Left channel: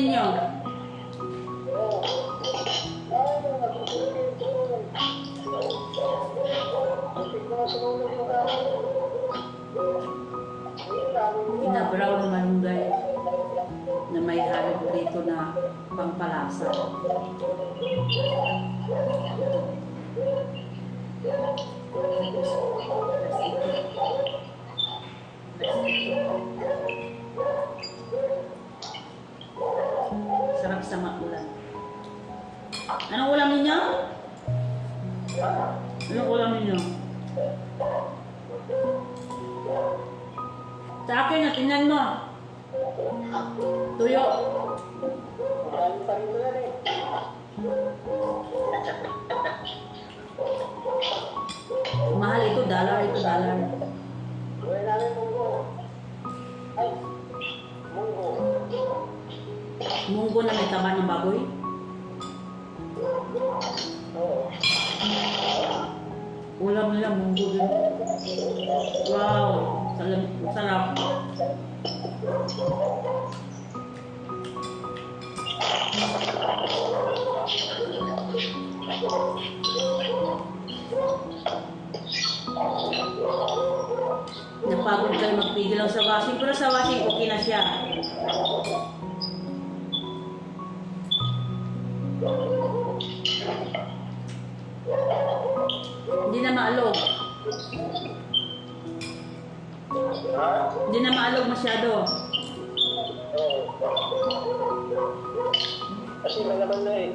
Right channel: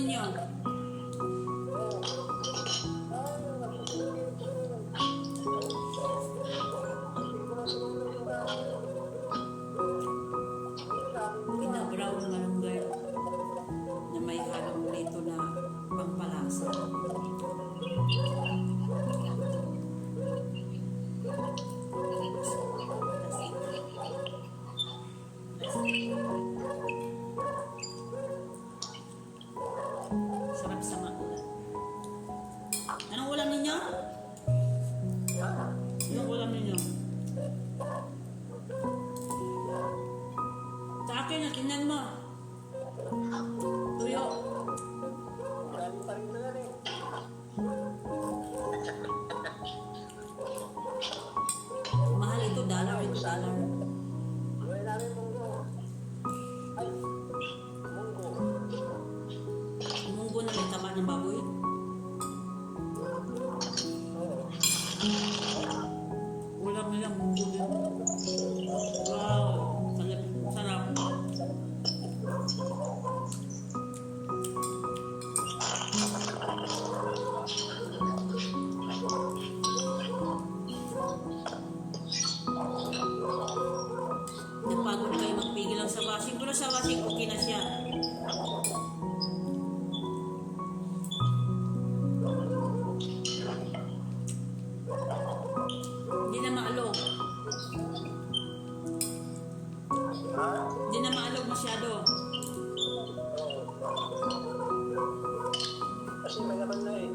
ninyo? Inabraw na malunggay na may halong prito na pangpalasa. Sarap sa makulan. Anong ulam ninyo? Anong ulam ninyo? Sa akin na, tingnan mo. Tuyo. Mahal ito, dollar. Munggo na may taba ng baboy. Ulam nila, munggo din. Wow, sarap. Napagod kayo magpigil lang sa washing, pero sa washing okay na siya. Hindi na maalog. Hindi na maalog masyado. Kasi malaman na eh.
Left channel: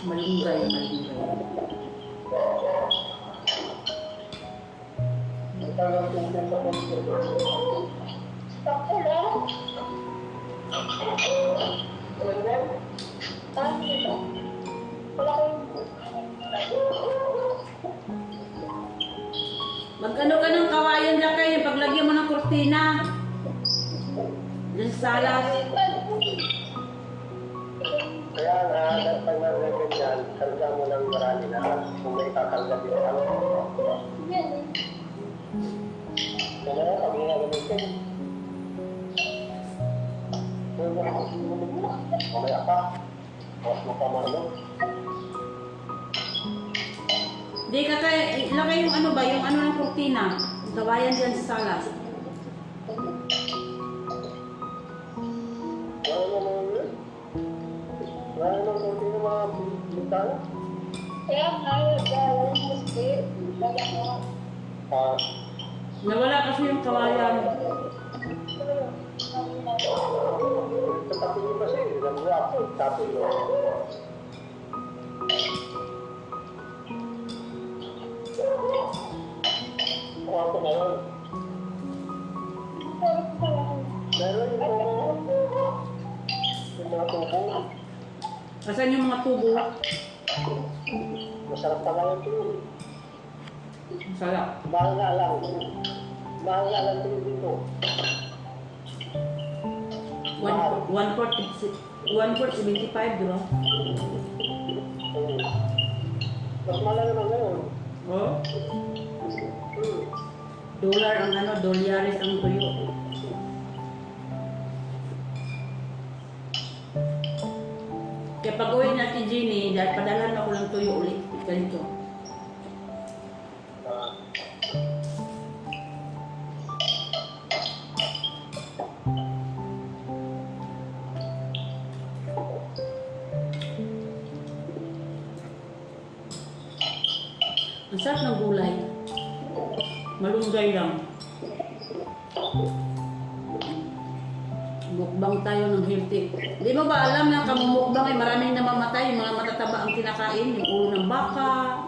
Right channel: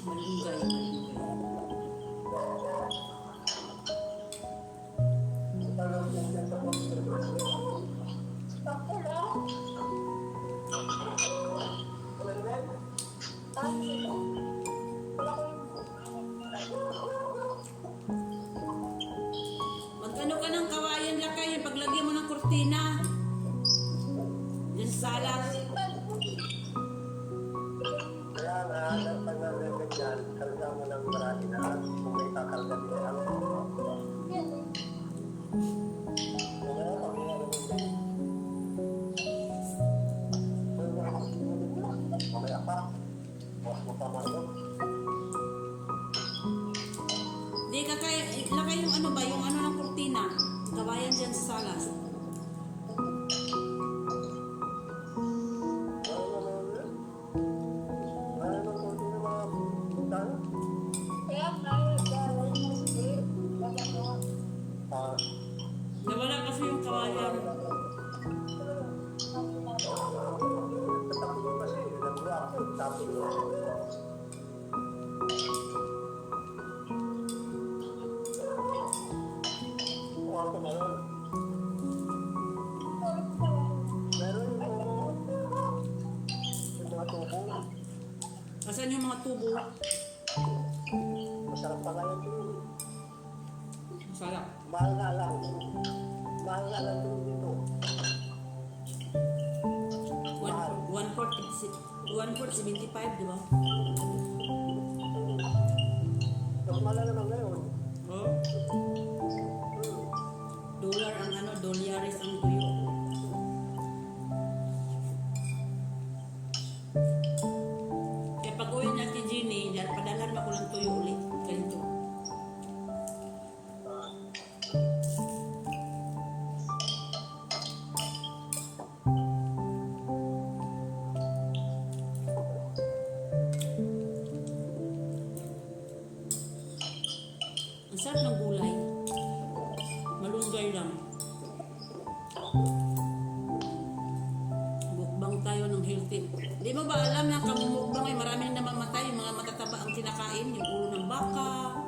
Malunggay. Magkano ka ng kawayan lang kayo paglagyan mo ng kurtina? Diyan sa salas. Kaya nga, pag nalagyan dyan, karga mo ng marami na kung may kakarga din ako. Kaya nga, pag nalagyan dyan, mamaya pa, mas mo pa marunong. Di ka kaya, ilagay yung ano ba, yung ano ng kurtina. Kawayan diyan sa salas. Nawala kasi yung kawayan. Asan yung mga tubo? Masarap pa lang ito. Masarap. Mahal na lang. Mahal na lang dito. 1/4, 75, di ba? Mas mahal naman ngayon. Oh. Dollar ang ano, dolyares ang tuyo. Kaya pag uwi natin, Jenny, dahil padalhan ako ng tuyo ulit. Ganito. Ang sarap ng gulay. Malunggay lang. Mukbang tayo ng healthy. Di mo ba alam na kamumukbang ay maraming namamatay, yung mga matataba ang kinakain, yung ulo ng baka.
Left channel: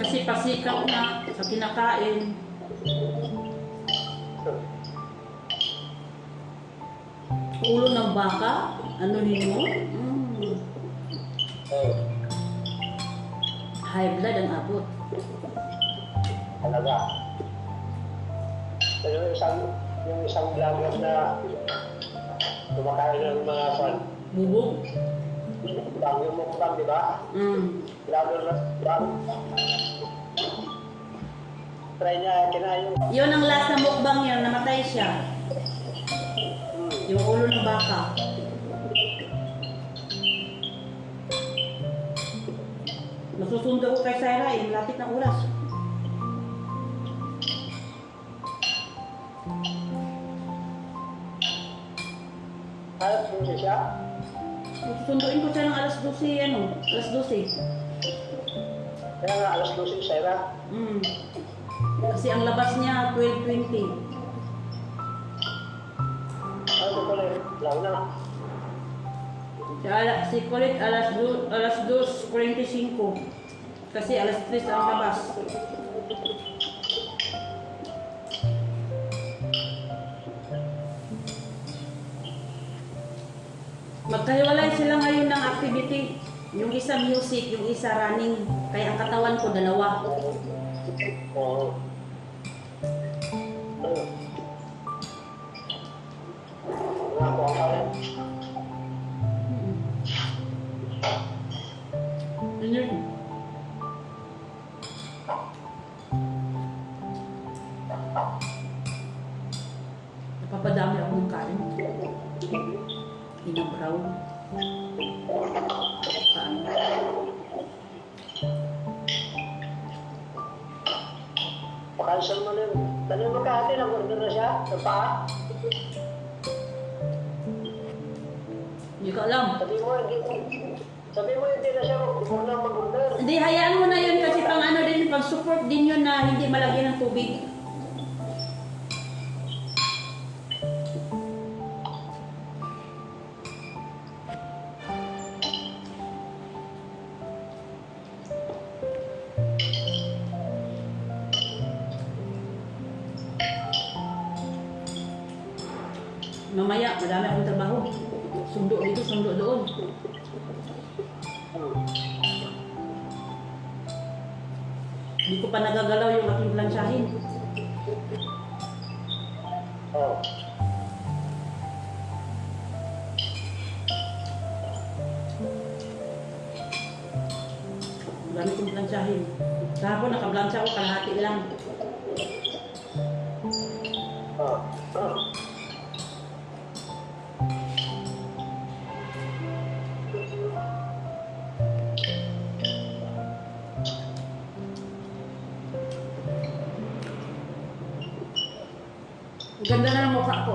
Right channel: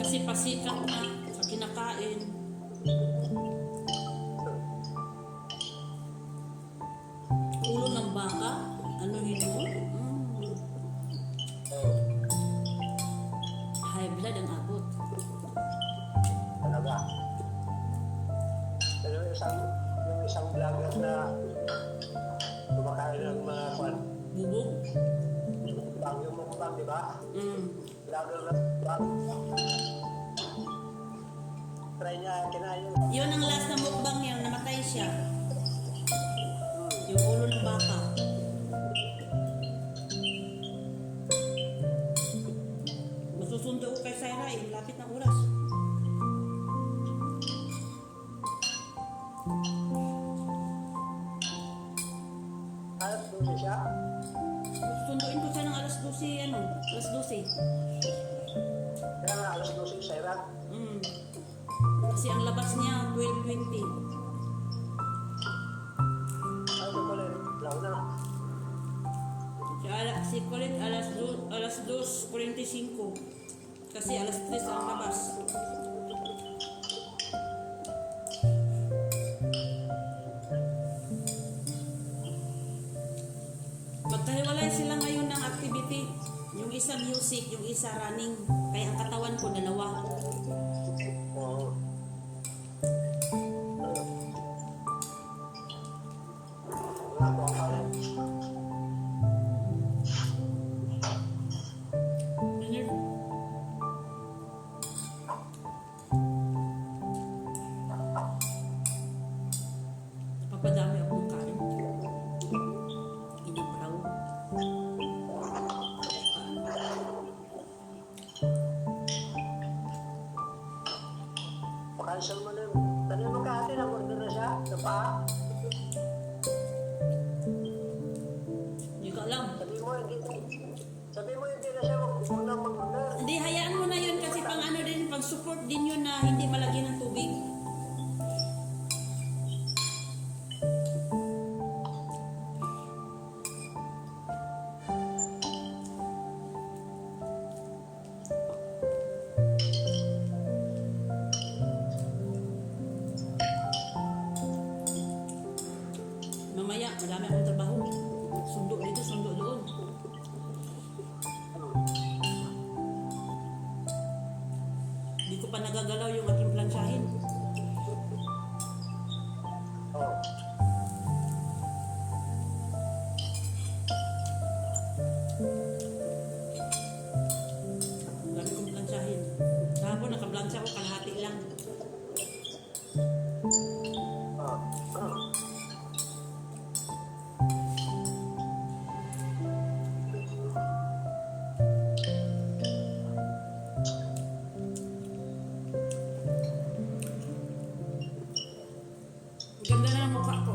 Kasi pasikat na sa kinakain. Ulo ng baka, ano mo? High blood ang abot. Talaga. Pero yung isang vlogger na kumakain ng mga fan, Bubog. bago mo bang, di ba? Vlogger na, diba? Try niya, kinain yung Yun ang last na mukbang niya, namatay siya. Yung ulo ng baka. Masusundo ko kay Sarah, yung lapit ng oras. alas 12 siya. Susunduin ko siya ng alas 12, ano? Alas 12. Kaya nga, alas 12 siya na. Kasi ang labas niya, 12:20. Ano pala yun? Lang na. Si Colette alas 2:45. Kasi alas 3 ang labas. Magkahiwalay sila ngayon ng activity. Yung isa music, yung isa running. Kaya ang katawan ko dalawa. Oo. Wala ko ang kaya. Yun yun. Napapadami ako ng kain. Inabraw. Pakansal mo na. Tanong mo kahati na kung na siya. Sa paa. Hindi ko alam. Sabi mo hindi na siya mag-order. Hindi, hayaan mo na yun kasi pang ano din, pang support din yun na hindi malagyan ng tubig. Mamaya, madami akong trabaho. Sundo dito, sundo doon. Hindi ko pa nagagalaw yung aking plansyahin. Oo. Ang dami kong plansyahin. Kahapon nakaplansya ko, kalahati lang. Oo. Oo. Ang ganda na ng mukha ko.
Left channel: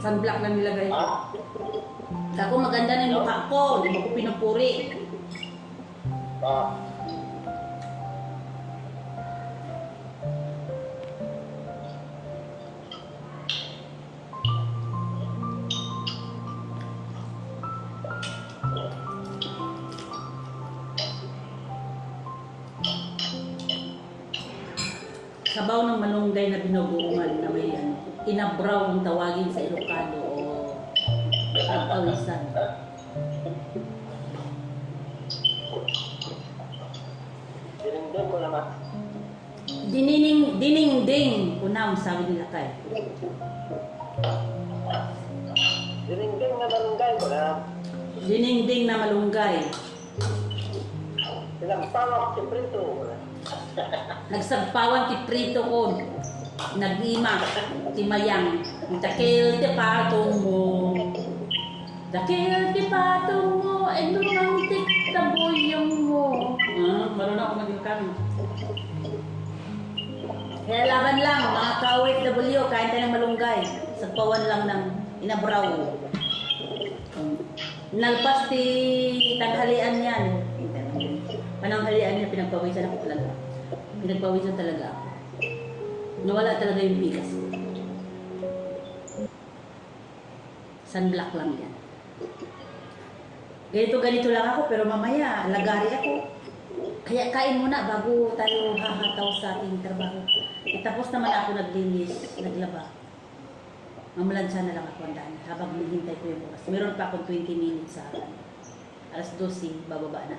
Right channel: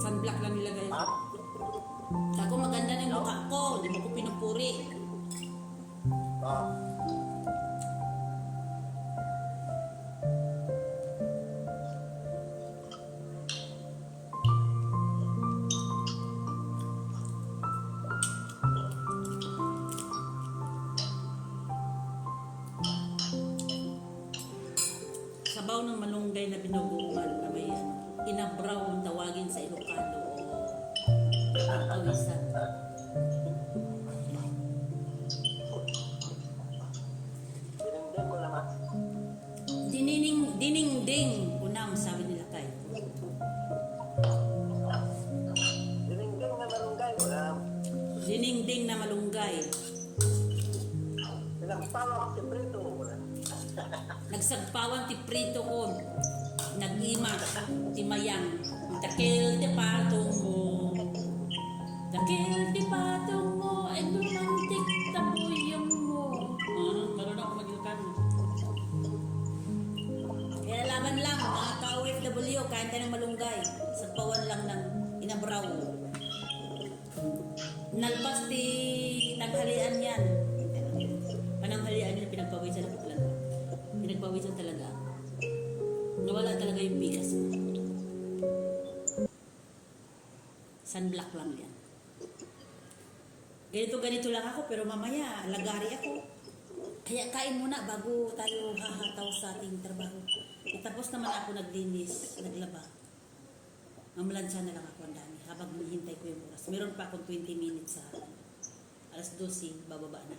Sunblock lang nilagay ko. Ako maganda na yung mukha ko. Hindi mo ko pinupuri. Oo. Sabaw ng malunggay na binubuan na may ano, inabraw ang tawagin sa Ilocano o pagpawisan. Dinigdag ko naman. Dininding, unam, sabi nila kay. Dinigdag na barangay ko na. Dininding na malunggay. Pinagpawak si Prito. Nagsagpawan ti prito ko. Nag-ima, ti mayang. Takil ti patong mo. Takil ti patong mo. And romantic tabuyong mo. Marunong ako mag-ilocano. Kaya laban lang, mga ka-OFW, kain tayo ng malunggay. Sagpawan lang ng inabraw. Nalpas ti tanghalian yan. Pananghalian niya, pinagpawisan ako talaga. Pinagpawisan talaga ako. Nawala talaga yung bigas. Sunblock lang yan. Ganito lang ako, pero mamaya, lagari ako. Kaya kain muna bago tayo hahataw sa ating trabaho. Tapos naman ako naglinis, naglaba. Mamalansya na lang ako ang dami habang hinihintay ko yung oras. Meron pa akong 20 minutes sa alas 12, bababa na.